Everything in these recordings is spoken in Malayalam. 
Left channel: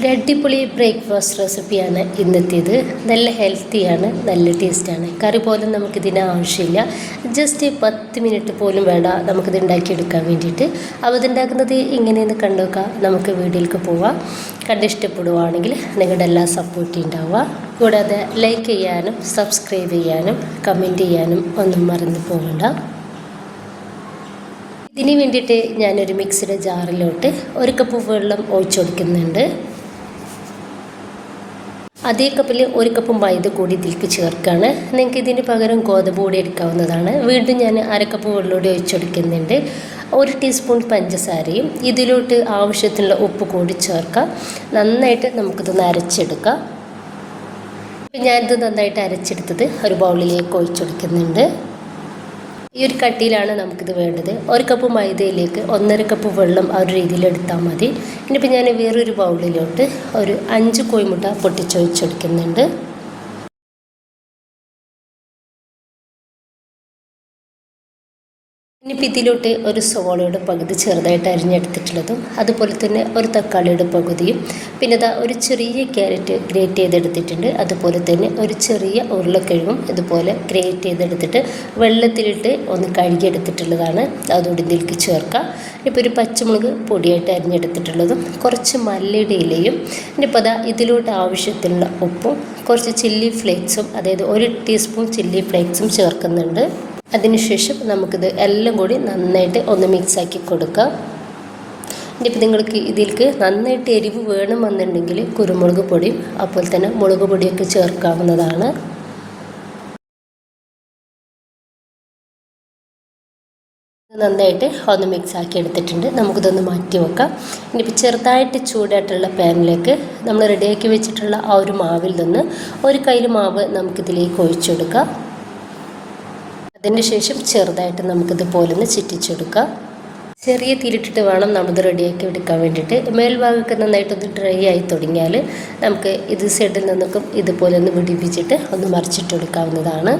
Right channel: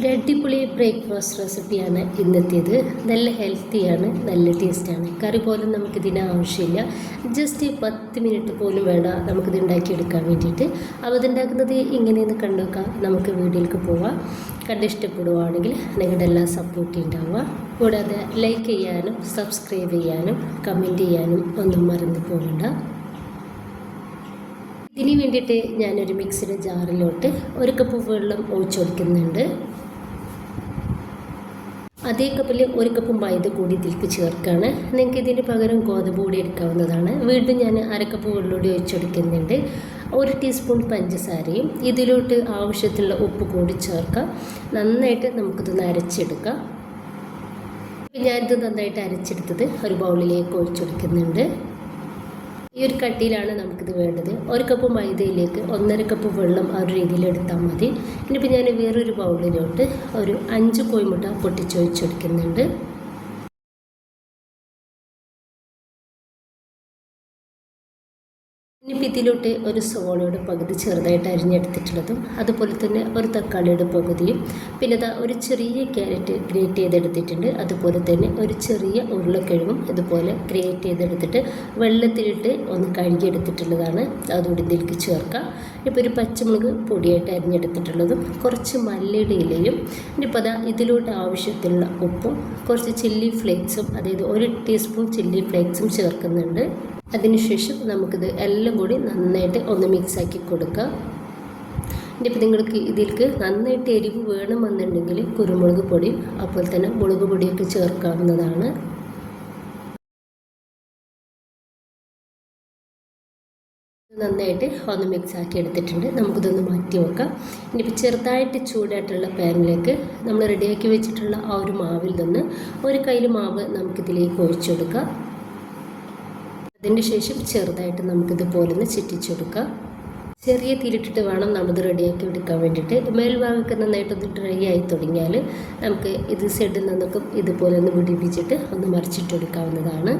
ഒരു അടിപൊളി ബ്രേക്ക്ഫാസ്റ്റ് റെസിപ്പിയാണ് ഇന്നത്തേത്. നല്ല ഹെൽത്തിയാണ്, നല്ല ടേസ്റ്റാണ്. കറി പോലും നമുക്കിതിന് ആവശ്യമില്ല. ജസ്റ്റ് 10 മിനിറ്റ് പോലും വേണ്ട നമുക്കിത് ഉണ്ടാക്കിയെടുക്കാൻ വേണ്ടിയിട്ട്. അപ്പോൾ ഇതുണ്ടാക്കുന്നത് എങ്ങനെയെന്ന് കണ്ടുനോക്കാം. നമുക്ക് വീഡിയോയിലേക്ക് പോവാം. കണ്ടിഷ്ടപ്പെടുവാണെങ്കിൽ നിങ്ങളുടെ എല്ലാ സപ്പോർട്ടും ഉണ്ടാവുക. കൂടാതെ ലൈക്ക് ചെയ്യാനും സബ്സ്ക്രൈബ് ചെയ്യാനും കമൻറ്റ് ചെയ്യാനും ഒന്നും മറന്നു പോകണ്ട. ഇതിന് വേണ്ടിയിട്ട് ഞാനൊരു മിക്സിയുടെ ജാറിലോട്ട് 1 കപ്പ് വെള്ളം ഒഴിച്ചു കൊടുക്കുന്നുണ്ട്. അതേ കപ്പിൽ 1 കപ്പ് മൈദ കൂടി ഇതിലേക്ക് ചേർക്കുകയാണ്. നിങ്ങൾക്ക് ഇതിന് പകരം ഗോതമ്പ് പൊടി എടുക്കാവുന്നതാണ്. വീണ്ടും ഞാൻ 1/2 കപ്പ് വെള്ളമൂടി ഒഴിച്ചെടുക്കുന്നുണ്ട്. 1 ടീസ്പൂൺ പഞ്ചസാരയും ഇതിലോട്ട് ആവശ്യത്തിനുള്ള ഉപ്പ് കൂടി ചേർക്കാം. നന്നായിട്ട് നമുക്കിതൊന്ന് അരച്ചെടുക്കാം. ഞാനിത് നന്നായിട്ട് അരച്ചെടുത്തത് ഒരു ബൗളിലേക്ക് ഒഴിച്ചെടുക്കുന്നുണ്ട്. ഈ ഒരു കട്ടിയിലാണ് നമുക്കിത് വേണ്ടത്. 1 കപ്പ് മൈദയിലേക്ക് 1.5 കപ്പ് വെള്ളം ആ ഒരു രീതിയിൽ എടുത്താൽ മതി. ഇനിയിപ്പോൾ ഞാൻ വേറൊരു ബൗളിലോട്ട് ഒരു 5 കോഴിമുട്ട പൊട്ടിച്ചൊഴിച്ചെടുക്കുന്നുണ്ട്. ഇനിയിപ്പോൾ ഇതിലോട്ട് ഒരു സവോളയുടെ പകുതി ചെറുതായിട്ട് അരിഞ്ഞെടുത്തിട്ടുള്ളതും അതുപോലെ തന്നെ ഒരു തക്കാളിയുടെ പകുതിയും പിന്നെ ഒരു ചെറിയ ക്യാരറ്റ് ഗ്രേറ്റ് ചെയ്തെടുത്തിട്ടുണ്ട്. അതുപോലെ തന്നെ ഒരു ചെറിയ ഉരുളക്കിഴങ്ങും ഇതുപോലെ ഗ്രേറ്റ് ചെയ്തെടുത്തിട്ട് വെള്ളത്തിലിട്ട് ഒന്ന് കഴുകിയെടുത്തിട്ടുള്ളതാണ്. അതുകൂടി ഇതിലേക്ക് ചേർക്കാം. ഇപ്പോൾ ഒരു പച്ചമുളക് പൊടിയായിട്ട് അരിഞ്ഞെടുത്തിട്ടുള്ളതും കുറച്ച് മല്ലിയുടെ ഇലയും ഇനിയിപ്പോൾ ഇതിലോട്ട് ആവശ്യത്തിനുള്ള ഉപ്പും കുറച്ച് ചില്ലി ഫ്ലേക്സും, അതായത് 1 ടീസ്പൂൺ ചില്ലി ഫ്ലേക്സും ചേർക്കുന്നുണ്ട്. അതിനുശേഷം നമുക്കിത് എല്ലാം കൂടി നന്നായിട്ട് ഒന്ന് മിക്സാക്കി കൊടുക്കാം. ഇനിയിപ്പോൾ നിങ്ങൾക്ക് ഇതിലേക്ക് നന്നായിട്ട് എരിവ് വേണമെന്നുണ്ടെങ്കിൽ കുരുമുളക് പൊടിയും അതുപോലെ തന്നെ മുളക് പൊടിയൊക്കെ ചേർക്കാവുന്നതാണ്. നന്നായിട്ട് ഒന്ന് മിക്സാക്കി എടുത്തിട്ടുണ്ട്. നമുക്കിതൊന്ന് മാറ്റി വെക്കാം. ഇനിയിപ്പോൾ ചെറുതായിട്ട് ചൂടായിട്ടുള്ള പാനിലേക്ക് നമ്മൾ റെഡിയാക്കി വെച്ചിട്ടുള്ള ആ ഒരു മാവിൽ നിന്ന് ഒരു കയ്യിൽ മാവ് നമുക്കിതിലേക്ക് ഒഴിച്ചു കൊടുക്കാം. അതിന് ശേഷം ചെറുതായിട്ട് നമുക്കിതുപോലെ ഒന്ന് ചുറ്റിച്ചെടുക്കാം. ചെറിയ തീരിട്ടിട്ട് വേണം നമ്മളിത് റെഡിയാക്കി എടുക്കാൻ വേണ്ടിയിട്ട്. മേൽഭാഗമൊക്കെ നന്നായിട്ടൊന്ന് ഡ്രൈ ആയി തുടങ്ങിയാൽ നമുക്ക് ഇത് സൈഡിൽ നിന്നൊക്കെ ഇതുപോലെ ഒന്ന് പിടിപ്പിച്ചിട്ട് ഒന്ന് മറിച്ചിട്ടെടുക്കാവുന്നതാണ്.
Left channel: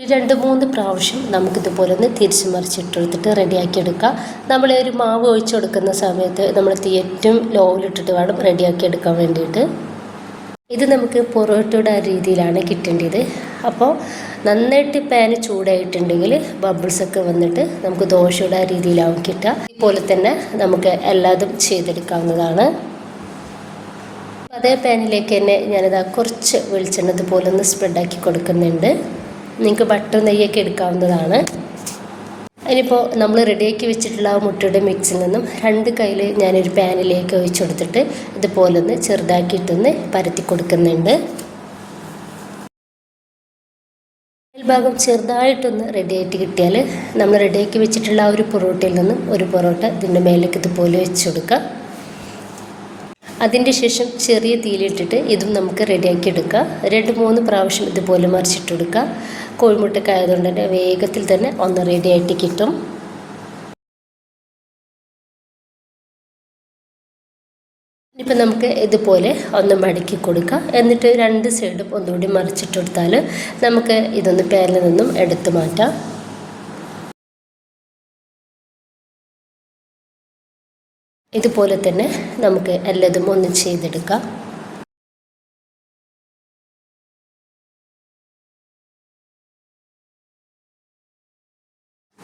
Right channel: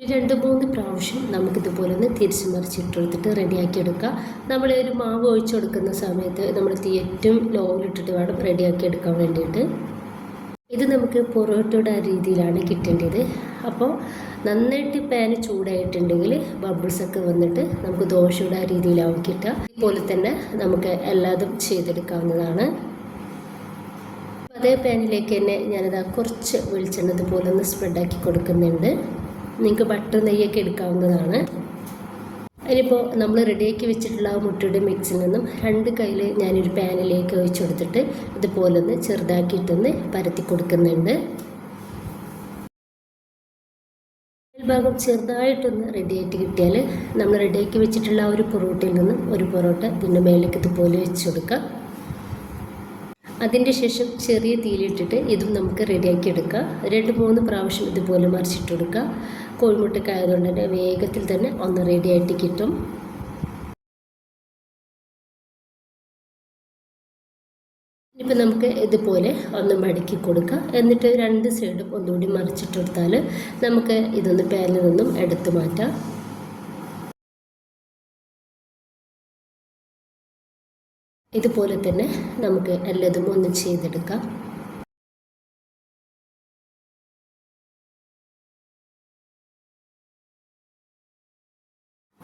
ഒരു 2-3 പ്രാവശ്യം നമുക്കിതുപോലെ ഒന്ന് തിരിച്ച് മറിച്ചിട്ടെടുത്തിട്ട് റെഡിയാക്കി എടുക്കാം. നമ്മൾ ഒരു മാവ് ഒഴിച്ചു കൊടുക്കുന്ന സമയത്ത് നമ്മൾ തീ ഏറ്റവും ലോയിലിട്ടിട്ട് വേണം റെഡിയാക്കി എടുക്കാൻ വേണ്ടിയിട്ട്. ഇത് നമുക്ക് പൊറോട്ടയുടെ ആ രീതിയിലാണ് കിട്ടേണ്ടത്. അപ്പോൾ നന്നായിട്ട് പാന് ചൂടായിട്ടുണ്ടെങ്കിൽ ബബിൾസൊക്കെ വന്നിട്ട് നമുക്ക് ദോശയുടെ ആ രീതിയിലാവും കിട്ടുക. ഇതുപോലെ തന്നെ നമുക്ക് എല്ലാതും ചെയ്തെടുക്കാവുന്നതാണ്. അതേ പാനിലേക്ക് തന്നെ ഞാനിതാ കുറച്ച് വെളിച്ചെണ്ണ ഇതുപോലെ ഒന്ന് സ്പ്രെഡാക്കി കൊടുക്കുന്നുണ്ട്. നിങ്ങൾക്ക് ബട്ടർ നെയ്യൊക്കെ എടുക്കാവുന്നതാണ്. അതിനിപ്പോൾ നമ്മൾ റെഡിയാക്കി വെച്ചിട്ടുള്ള ആ മുട്ടയുടെ മിക്സിൽ നിന്നും 2 കയ്യിൽ ഞാനൊരു പാനിലേക്ക് ഒഴിച്ചു കൊടുത്തിട്ട് ഇതുപോലെ ഒന്ന് ചെറുതാക്കിയിട്ടൊന്ന് പരത്തി കൊടുക്കുന്നുണ്ട്. ഭാഗം ചെറുതായിട്ടൊന്ന് റെഡിയായിട്ട് കിട്ടിയാൽ നമ്മൾ റെഡിയാക്കി വെച്ചിട്ടുള്ള ആ ഒരു പൊറോട്ടയിൽ നിന്നും ഒരു പൊറോട്ട ഇതിൻ്റെ മേലേക്ക് ഇതുപോലെ വെച്ച് കൊടുക്കുക. അതിൻ്റെ ശേഷം ചെറിയ തീയിലിട്ടിട്ട് ഇതും നമുക്ക് റെഡിയാക്കി എടുക്കുക. 2-3 പ്രാവശ്യം ഇതുപോലെ മറിച്ചിട്ട് കൊടുക്കുക. കോഴിമുട്ടൊക്കെ ആയതുകൊണ്ട് തന്നെ വേഗത്തിൽ തന്നെ ഒന്ന് റെഡിയായിട്ട് കിട്ടും. ഇപ്പം നമുക്ക് ഇതുപോലെ ഒന്ന് മടക്കി കൊടുക്കുക. എന്നിട്ട് 2 സൈഡും ഒന്നുകൂടി മറിച്ചിട്ട് കൊടുത്താൽ നമുക്ക് ഇതൊന്ന് പാനിൽ നിന്നും എടുത്തു മാറ്റാം. ഇതുപോലെ തന്നെ നമുക്ക് എല്ലാതും ഒന്ന് ചെയ്തെടുക്കാം.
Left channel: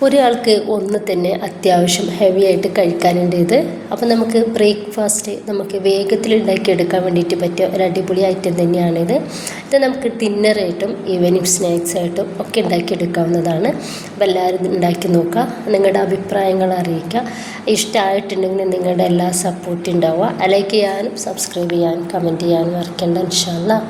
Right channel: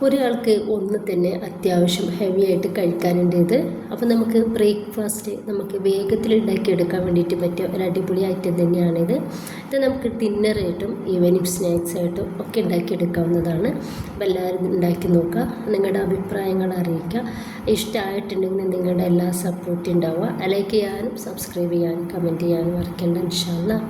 ഒരാൾക്ക് ഒന്ന് തന്നെ അത്യാവശ്യം ഹെവി ആയിട്ട് കഴിക്കാനുണ്ട് ഇത്. അപ്പോൾ നമുക്ക് ബ്രേക്ക്ഫാസ്റ്റ് നമുക്ക് വേഗത്തിൽ ഉണ്ടാക്കിയെടുക്കാൻ വേണ്ടിയിട്ട് പറ്റിയ ഒരു അടിപൊളി ഐറ്റം തന്നെയാണിത്. ഇത് നമുക്ക് ഡിന്നറായിട്ടും ഈവനിങ് സ്നാക്സായിട്ടും ഒക്കെ ഉണ്ടാക്കിയെടുക്കാവുന്നതാണ്. അപ്പോൾ എല്ലാവരും ഉണ്ടാക്കി നോക്കുക. നിങ്ങളുടെ അഭിപ്രായങ്ങൾ അറിയിക്കുക. ഇഷ്ടമായിട്ടുണ്ടെങ്കിൽ നിങ്ങളുടെ എല്ലാ സപ്പോർട്ടും ഉണ്ടാവുക. ലൈക്ക് ചെയ്യാനും സബ്സ്ക്രൈബ് ചെയ്യാനും കമൻറ്റ് ചെയ്യാനും മറക്കണ്ട. ഇൻഷാ അല്ലാഹ്.